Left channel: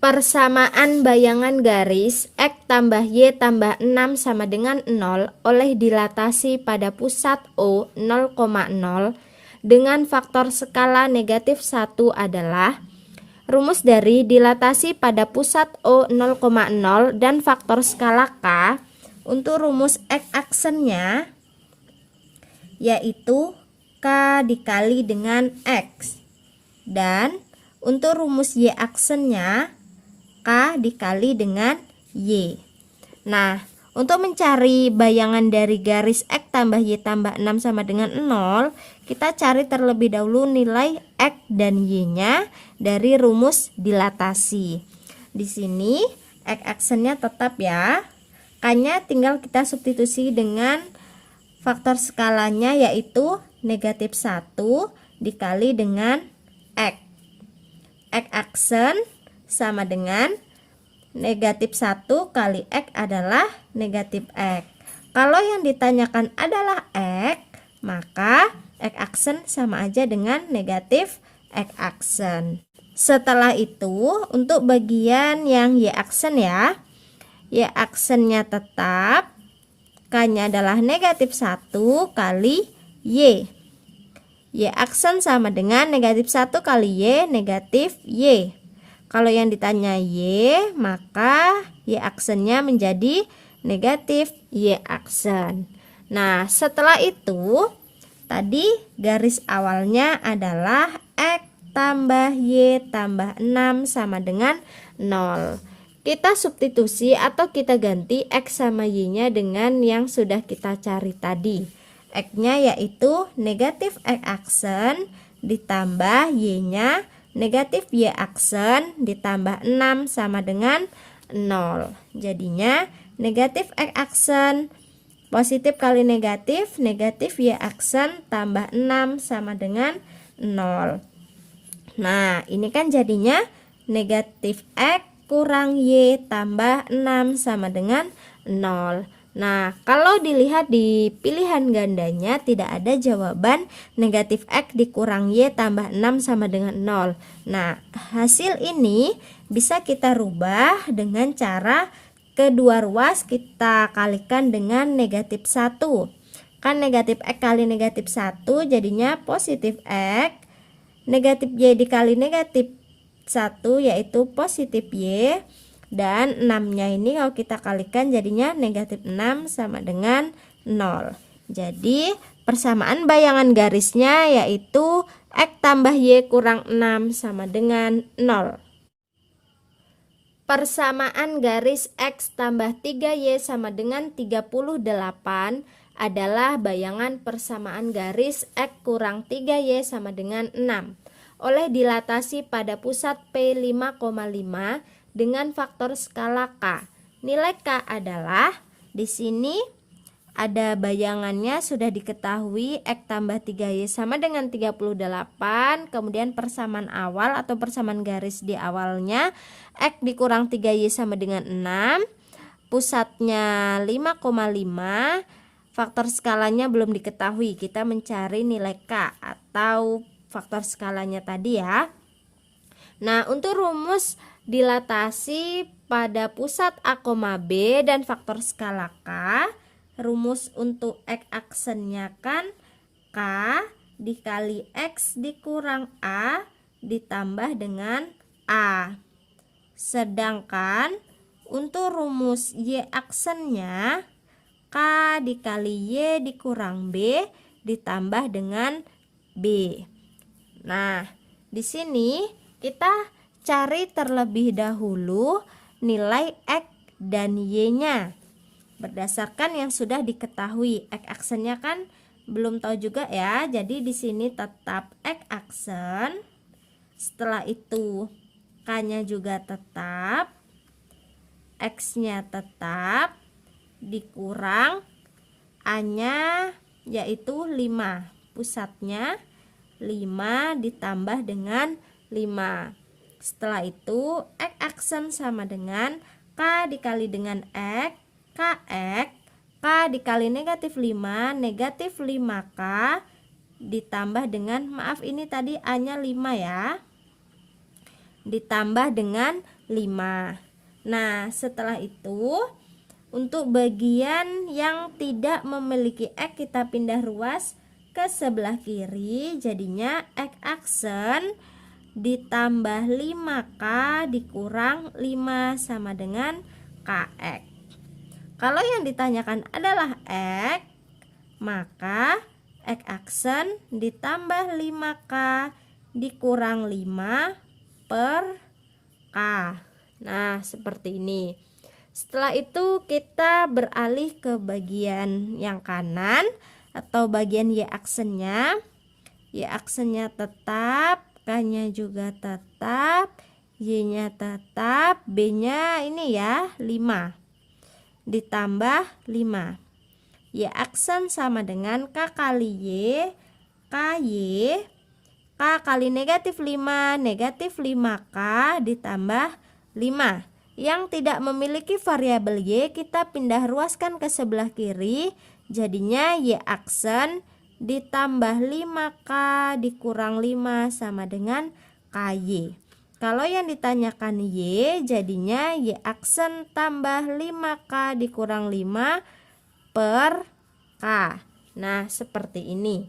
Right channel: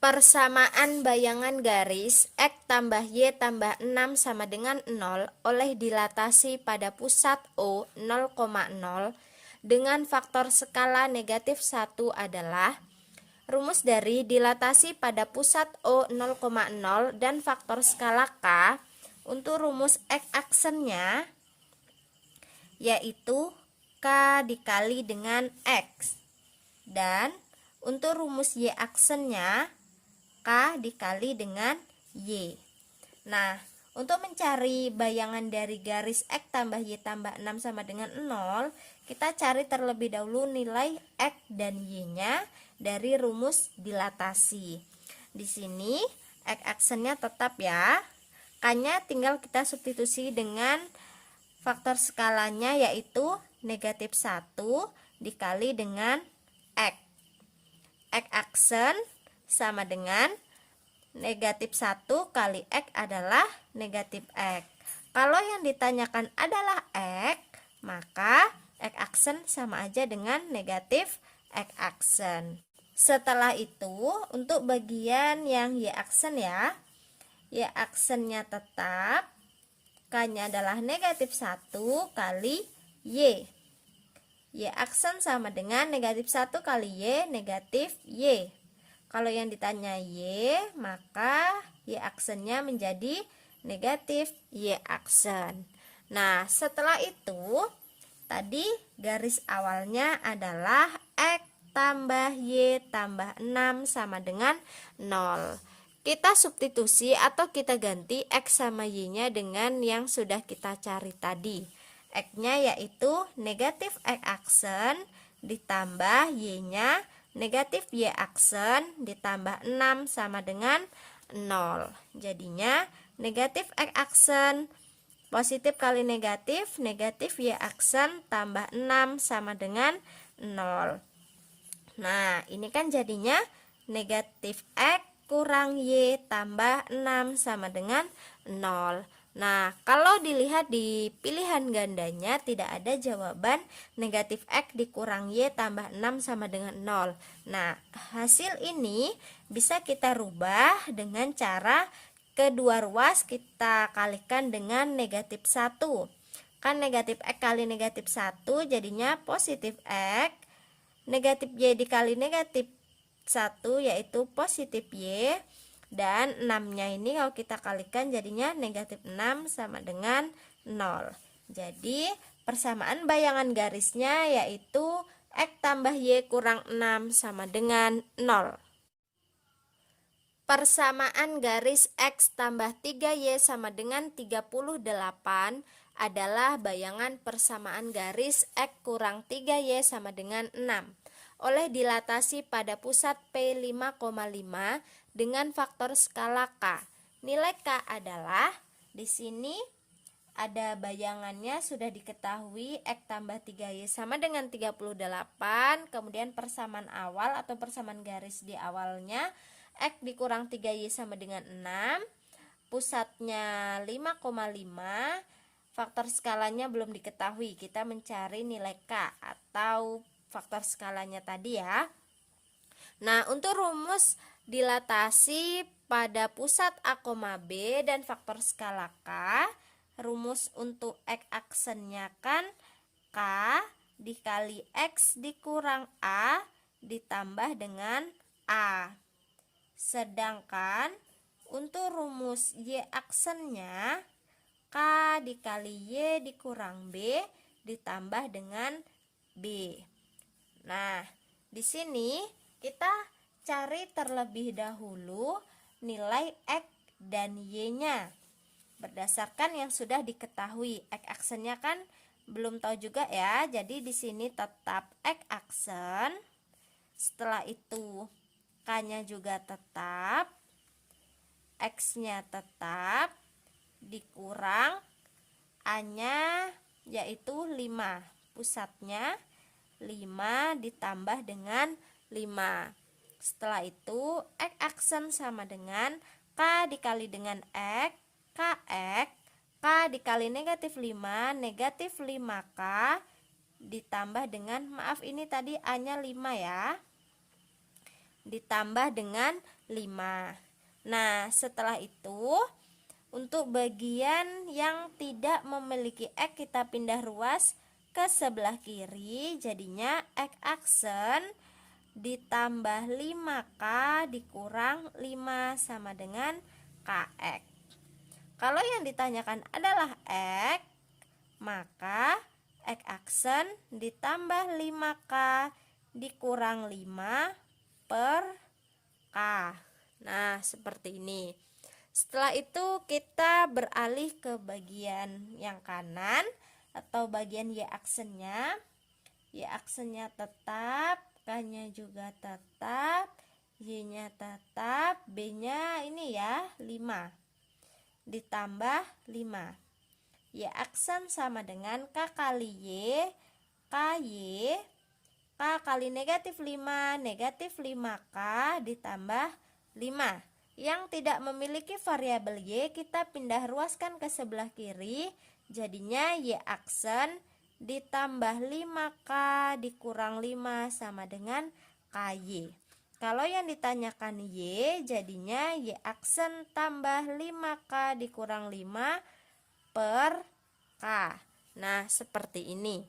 Persamaan bayangan garis X tambah Y tambah 6 sama dengan 0 oleh dilatasi pada pusat O 0,0 dengan faktor skala negatif 1 adalah rumus dari dilatasi pada pusat O 0,0 dan faktor skala K. Untuk rumus X aksennya yaitu K dikali dengan X, dan untuk rumus Y aksennya K dikali dengan Y. Nah, untuk mencari bayangan dari garis X tambah Y tambah 6 sama dengan 0, kita cari terlebih dahulu nilai X dan Y-nya dari rumus dilatasi. Di sini X aksennya tetap ya. K-nya tinggal kita substitusi dengan faktor skalanya yaitu negatif 1 dikali dengan X. X aksen sama dengan negatif 1 kali X adalah negatif X. Kalau yang ditanyakan adalah X, maka X aksen sama aja dengan negatif X aksen. Setelah itu, untuk bagian yang Y aksen ya, Y aksennya tetap, K-nya adalah negatif 1 kali Y. Y aksen sama dengan negatif 1 kali Y, negatif Y. Kalau yang ditanya Y, maka Y aksennya menjadi negatif Y aksen. Nah, setelah itu, tadi garis awalnya adalah X tambah Y tambah 6 sama dengan 0. Kita substitusi atau kita ganti X sama Y-nya dengan yang sudah kita cari tadi. X-nya yaitu negatif X aksen ditambah Y-nya negatif Y aksen ditambah 6 sama dengan 0. Jadinya negatif X aksen positif kali negatif, negatif Y aksen tambah 6 sama dengan 0. Nah, ini kan jadinya negatif X kurang Y tambah 6 sama dengan 0. Nah, kalau dilihat di pilihan gandanya tidak ada jawaban negatif X dikurang Y tambah 6 sama dengan 0. Nah, hasil ini bisa kita rubah dengan cara kedua ruas kita kalikan dengan negatif 1. Kan negatif X kali negatif 1 jadinya positif X. Negatif Y dikali negatif 1 yaitu positif Y, dan 6-nya ini kalau kita kalikan jadinya negatif 6 sama dengan 0. Jadi persamaan bayangan garisnya yaitu X tambah Y kurang 6 sama dengan 0. Persamaan garis X tambah 3Y sama dengan 38 adalah bayangan persamaan garis X kurang 3Y sama dengan 6 oleh dilatasi pada pusat P5,5 dengan faktor skala K. Nilai K adalah, di sini ada bayangannya sudah diketahui X tambah 3Y sama dengan 38, kemudian persamaan awal atau persamaan garis di awalnya X dikurang 3Y sama dengan 6, pusatnya 5,5, faktor skalanya belum diketahui, kita mencari nilai K atau faktor skalanya tadi ya. Nah, untuk rumus dilatasi pada pusat A, B dan faktor skala K, rumus untuk X aksennya kan K dikali X dikurang A ditambah dengan A. Sedangkan untuk rumus Y aksennya K dikali Y dikurang B ditambah dengan B. Nah, di sini kita cari terlebih dahulu nilai X dan Y-nya berdasarkan yang sudah diketahui. X aksennya kan belum tahu juga ya. Jadi di sini tetap X aksen. Setelah itu K-nya juga tetap, X-nya tetap, dikurang A-nya yaitu 5. Pusatnya 5 ditambah dengan 5. Setelah itu X aksen sama dengan K dikali dengan X, KX, K dikali negatif 5, negatif 5K ditambah dengan, maaf ini tadi A nya 5 ya, ditambah dengan Nah, setelah itu untuk bagian yang tidak memiliki X kita pindah ruas ke sebelah kiri. Jadinya X aksen ditambah 5K dikurang 5 sama dengan KX. Kalau yang ditanyakan adalah X, maka X aksen ditambah 5K dikurang 5 per K. Nah, seperti ini. Setelah itu kita beralih ke bagian yang kanan atau bagian Y aksennya. Y aksennya tetap, K-nya juga tetap, Y-nya tetap, B-nya ini ya 5 ditambah 5. Y aksen sama dengan K kali Y, KY, K kali negatif 5, negatif 5K ditambah 5. Yang tidak memiliki variabel Y kita pindah ruaskan ke sebelah kiri. Jadinya Y aksen ditambah 5K dikurang 5 sama dengan KY. Kalau yang ditanyakan Y, jadinya Y aksen tambah 5K dikurang 5 per K. Nah, seperti ini.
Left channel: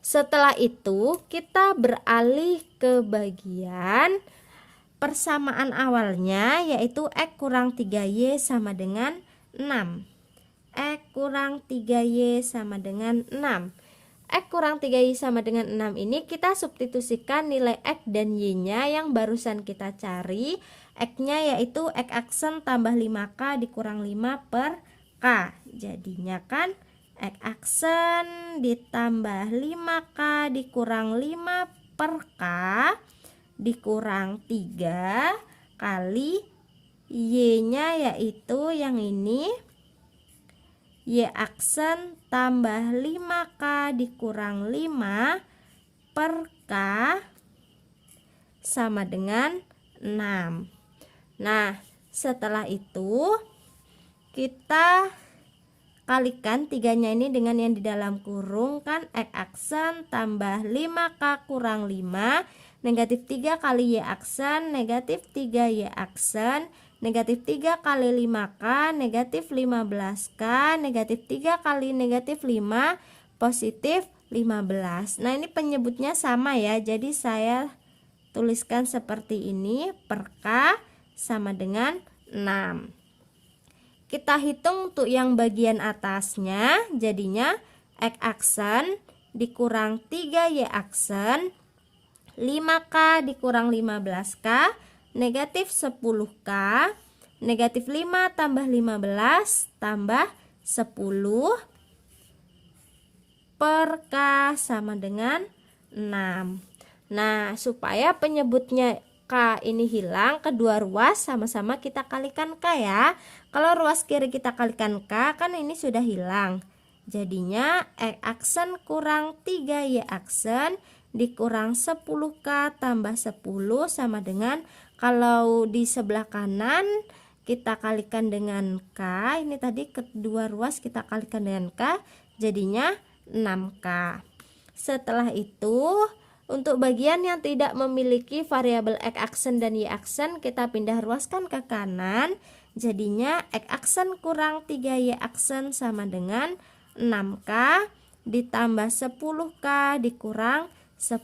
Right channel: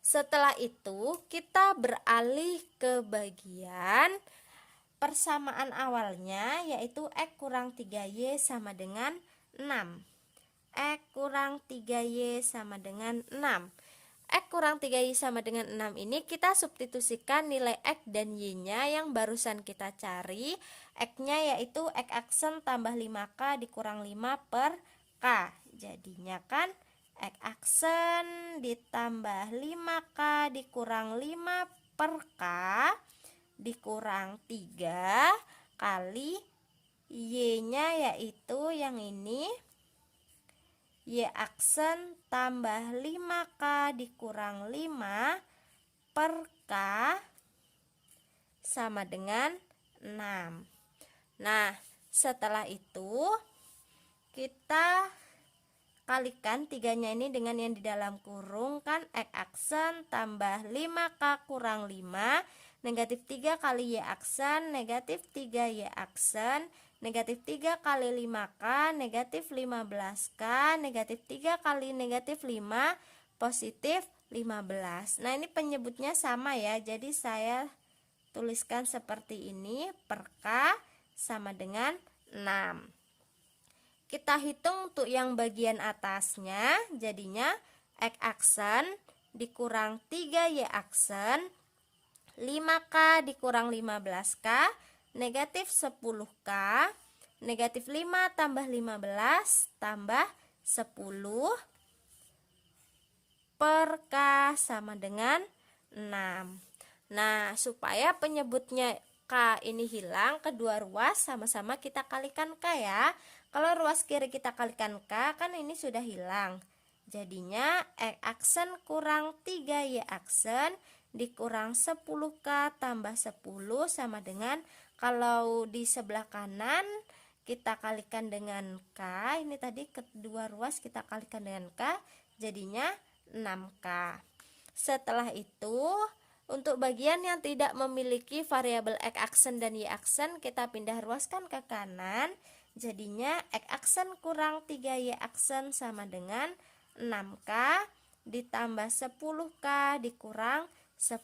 Setelah itu kita beralih ke bagian persamaan awalnya, yaitu X kurang 3Y sama dengan 6. X kurang 3Y sama dengan 6. X kurang 3Y sama dengan 6 ini kita substitusikan nilai X dan Y-nya yang barusan kita cari. X-nya yaitu X aksen tambah 5K dikurang 5 per K. Jadinya kan X aksen ditambah 5K dikurang 5 per K dikurang 3 kali Y-nya yaitu yang ini, Y aksen tambah 5K dikurang 5 per K sama dengan 6. Nah, setelah itu kita kalikan 3-nya ini dengan yang di dalam kurung, kan X aksen tambah 5K kurang 5, negatif 3 kali Y aksen, negatif 3Y aksen, negatif 3 kali 5K, negatif 15K, negatif 3 kali negatif 5, positif 15. Nah, ini penyebutnya sama ya, jadi saya tuliskan seperti ini, per K sama dengan 6. Kita hitung untuk yang bagian atasnya, jadinya X aksen dikurang 3Y aksen, 5K dikurang 15K, negatif 10K, negatif 5 tambah 15 tambah 10 per K sama dengan 6. Nah, supaya penyebutnya K ini hilang, kedua ruas sama-sama kita kalikan K ya. Kalau ruas kiri kita kalikan K, kan ini sudah hilang. Jadinya X aksen kurang 3Y aksen dikurang 10K tambah 10 sama dengan, kalau di sebelah kanan kita kalikan dengan K, ini tadi kedua ruas kita kalikan dengan K, jadinya 6K. Setelah itu untuk bagian yang tidak memiliki variabel X aksen dan Y aksen kita pindah ruaskan ke kanan. Jadinya X aksen kurang 3Y aksen sama dengan 6K ditambah 10K dikurang 10.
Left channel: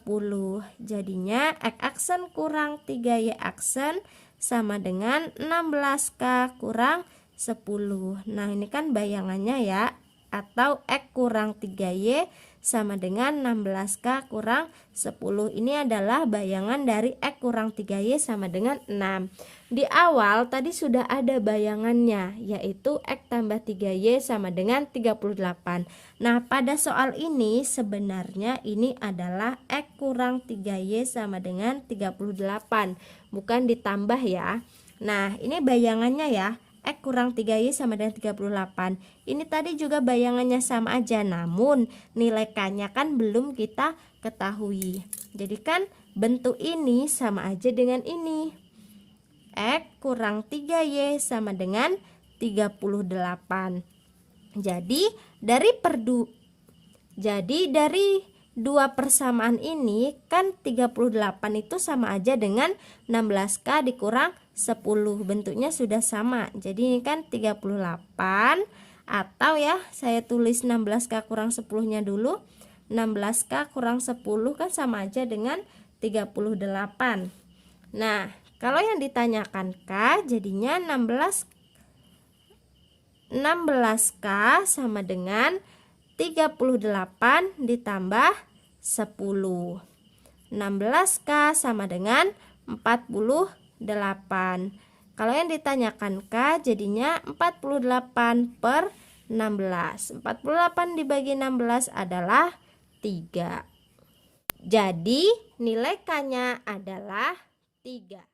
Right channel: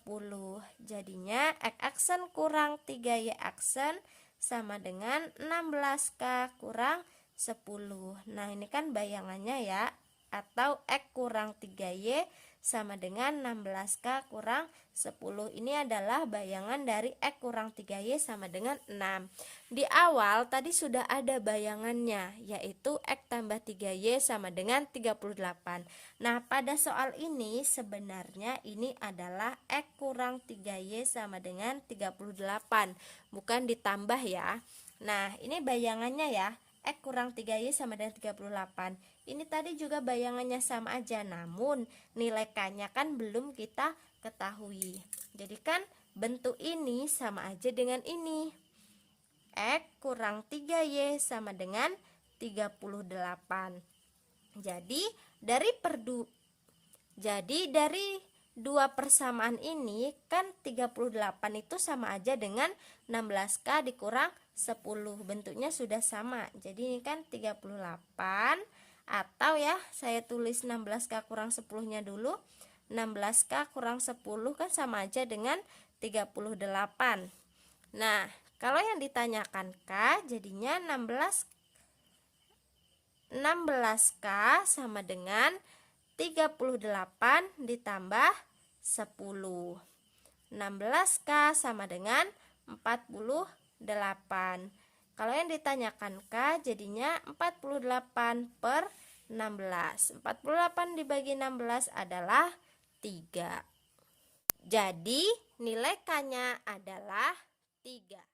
Jadinya X aksen kurang 3Y aksen sama dengan 16K kurang 10. Nah, ini kan bayangannya ya, atau X kurang 3Y sama dengan 16K kurang 10. Ini adalah bayangan dari X kurang 3Y sama dengan 6. Di awal tadi sudah ada bayangannya, yaitu X tambah 3Y sama dengan 38. Nah, pada soal ini sebenarnya ini adalah X kurang 3Y sama dengan 38, bukan ditambah ya. Nah, ini bayangannya ya, X kurang 3Y sama dengan 38. Ini tadi juga bayangannya sama aja, namun nilai K-nya kan belum kita ketahui. Jadi kan bentuk ini sama aja dengan ini. X kurang 3Y sama dengan 38. Jadi dari dua persamaan ini kan 38 itu sama aja dengan 16K dikurang 10. Bentuknya sudah sama. Jadi ini kan 38, atau ya saya tulis 16K kurang 10-nya dulu. 16K kurang 10 kan sama aja dengan 38. Nah, kalau yang ditanyakan K jadinya 16K sama dengan 38 ditambah 10. 16K sama dengan 48. Kalau yang ditanyakan K jadinya 48 per 16. 48 dibagi 16 adalah 3. Jadi nilai K-nya adalah 3.